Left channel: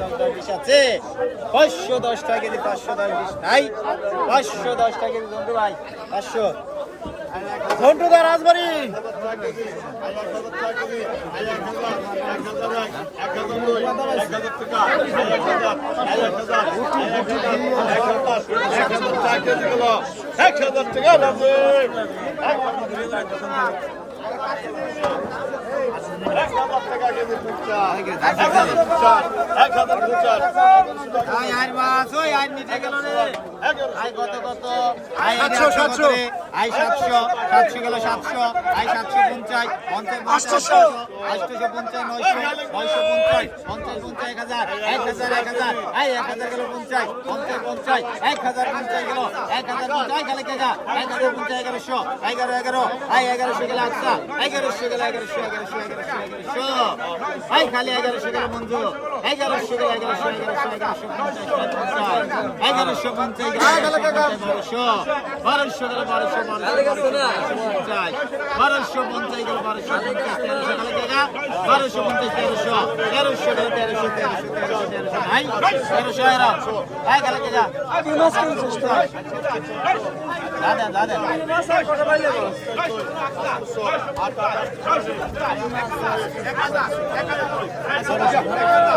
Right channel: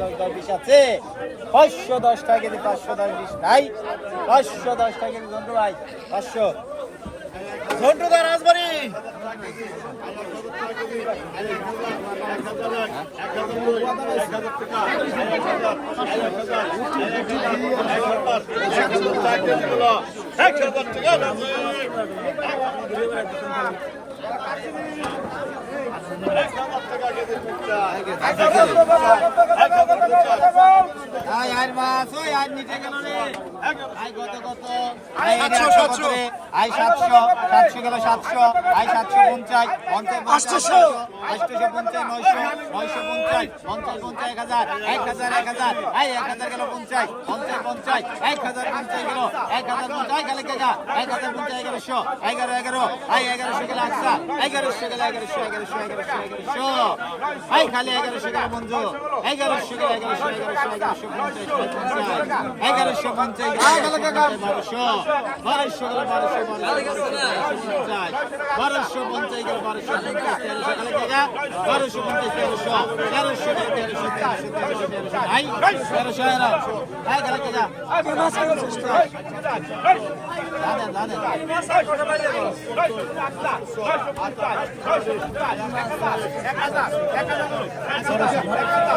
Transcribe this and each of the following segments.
দশ দশ বিশ আছে। পাঁচশো দশ টাকা কেজি, পাঁচশো দশ বিশ নাই। পাঁচশো দশ টাকা, এক হাজার টাকা। সাতশো সাতশো গেল সাতশো। পঞ্চাশ পঞ্চাশ আটশো। আটশোশো পঞ্চাশ নয়শো নয়শো পঞ্চাশ পঞ্চাশ পঞ্চাশ এক হাজার এক হাজার এক হাজার। আয় এক হাজার গেল পঞ্চাশ পঞ্চাশ পঞ্চাশ এক হাজার পঞ্চাশ গেল এক হাজার পঞ্চাশ গেলে কেগা এক হাজার পঞ্চাশ এগারোশো এগারো এগারো। আয় এগারোশো গেল আচ্ছা এগারোশো গেল, এগারোশো এগারোশো এগারোশো এগারোশো। আয় খালি এগারোশো গেল মঞ্জু এগারোশো গেল, এগারোশো এগারোশো এগারোশো পঞ্চাশ পঞ্চাশ। এগারোশো পঞ্চাশ বারোশো। বারোশো গেল, বারোশো বারোশো বারোশো পঞ্চাশ। বারোশো পঞ্চাশ গেল, বারোশো পঞ্চাশ, তেরোশো গেলে কেগা বারোশো পঞ্চাশ, তেরোশো। তেরোশো গেল, তেরোশো তেরোশো তেরোশো তেরোশো। ভাই তেরোশো এরাও। হ্যাঁ গেলে কেগা দাদা দাদা আই বড় ইসের বাটি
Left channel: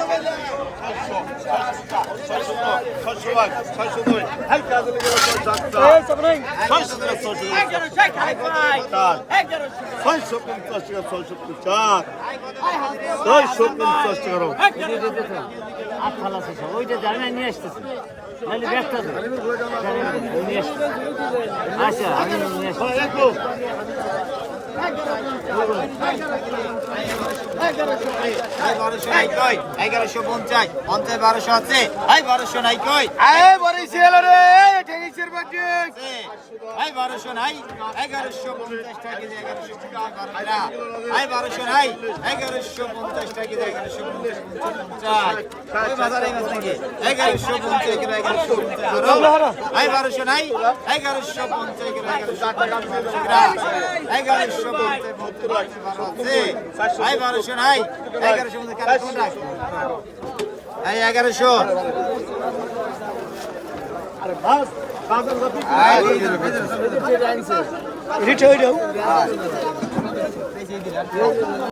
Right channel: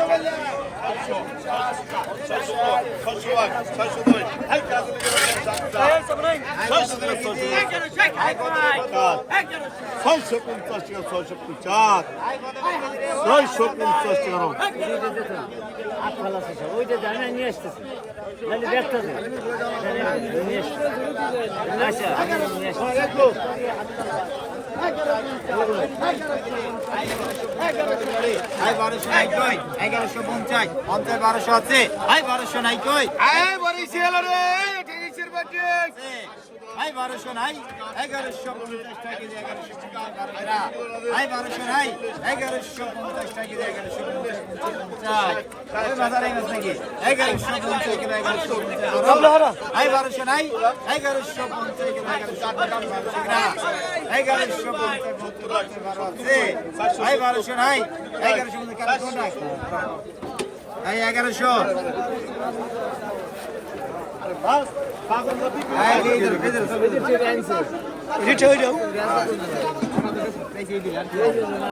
ছয়শো পঞ্চাশ টাকা ছয়শো পঞ্চাশ ছয়শো পঞ্চাশ টাকা ফাল আছে সব নিয়ে আসতেছি নাহলে ব্যস্ত নিয়ে আসতেছি আচ্ছা আমি নিয়ে আসতেছি আই বারোশো নাই কই এগারোশো পঞ্চাশ পঞ্চাশ বারোশো আছে বারোশো নাই কই? আই বারোশো নাই এগারোশো পঞ্চাশ টাকা এগারোশো আই বারোশো নাই এগারোশো পঞ্চাশ টাকা এগারোশো পঞ্চাশ বাজারে নাকি এগারোশো পঞ্চাশ এগারোশো পঞ্চাশ। আই বারোশো নাই এগারোশো পঞ্চাশ এগারোশো পঞ্চাশ আই বারোশো নাই পঞ্চাশ এগারোশো। রিট হয়ে যাও